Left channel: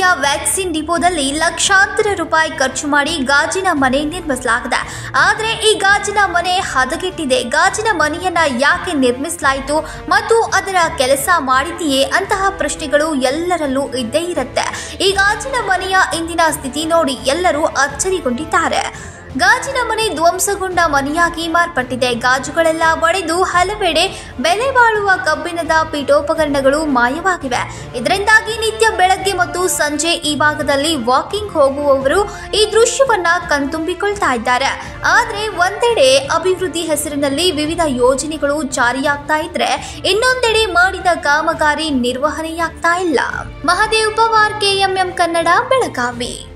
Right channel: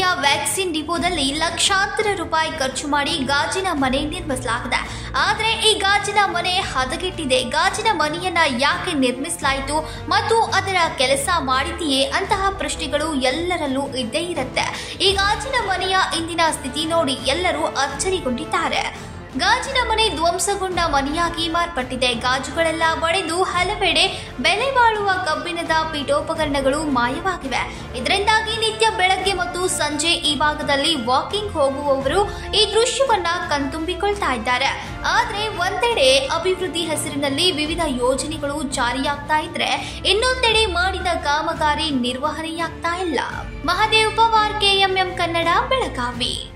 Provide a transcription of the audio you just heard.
ಮನೆಯ ವ್ಯಾಕ್ಸಿನ್ ಡಿಪೋದಲ್ಲಿ ಲಕ್ಷಾಂತರ ರೂಪಾಯಿ ಖರ್ಚು ಮಾಡಿ ಗಾಜಿನ ಮನೆ ನಿರ್ಮಿಸಲಾಗಿದೆ. ಆದರೆ ಈ ಗಾಜಿನ ಮನೆ ಹದಗೆಟ್ಟಿದೆ. ಗಾಜಿನ ಮನೆಯನ್ನ ಯಾಕೆ ನಿರ್ಮಿಸಲಾಯಿತು ಮತ್ತು ಅದರ ಕೆಲಸ ಮಾಡಿದೆಯೇ ಅಂತಹ ಪ್ರಶ್ನೆಗಳು ಎಲ್ಲರಲ್ಲೂ ಇದ್ದೇ ಇರುತ್ತೆ. ಈ ಗಾಜಿನ ಮನೆಯ ಇಂದಿನ ಸ್ಥಿತಿ ನೋಡಿ ಎಲ್ಲರೂ ಅಚ್ಚರಿಗೊಂಡಿದ್ದಾರೆ. ಗಾಜಿನ ಮನೆ ಧ್ವಂಸಗೊಂಡ ಮನೆಯಾಗಿ ಮಾರ್ಪಟ್ಟಿದೆ. ಗಾಜುಗಳೆಲ್ಲ ಒಡೆದು ಹಲವೆಡೆ ಬೆಲೆ ಬಾಳುವ ಕಬ್ಬಿಣದ ಪೀಠೋಪಕರಣಗಳು ಮಾಯವಾಗಿವೆ. ಇದರಿಂದಾಗಿ ನಿತ್ಯ ಬೆಳಗ್ಗೆ ಮತ್ತು ಸಂಜೆ ಈ ಭಾಗದಲ್ಲಿ ವಾಕಿಂಗ್ ಹೋಗುವವರು ಈ ದೃಶ್ಯವನ್ನ ಕಣ್ತುಂಬಿಕೊಳ್ತಾ ಇದ್ದಾರೆ. ಆದರೆ ಒಂದೆಡೆ ಅಭಿವೃದ್ಧಿ ಹೆಸರಿನಲ್ಲಿ ವಿವಿಧ ಯೋಜನೆಗಳು ಜಾರಿಯಾಗ್ತಾ ಇದ್ರೆ, ಇನ್ನೊಂದೆಡೆ ಮಾಡಿದ ಕಾಮಗಾರಿ ನಿರ್ವಹಣೆಯಾಗ್ತಾ ಇಲ್ಲ. ಮಹದೇವ್ ಪವಾರ್, KMM ಕನ್ನಡ, ಬೆಳಗಾವಿ.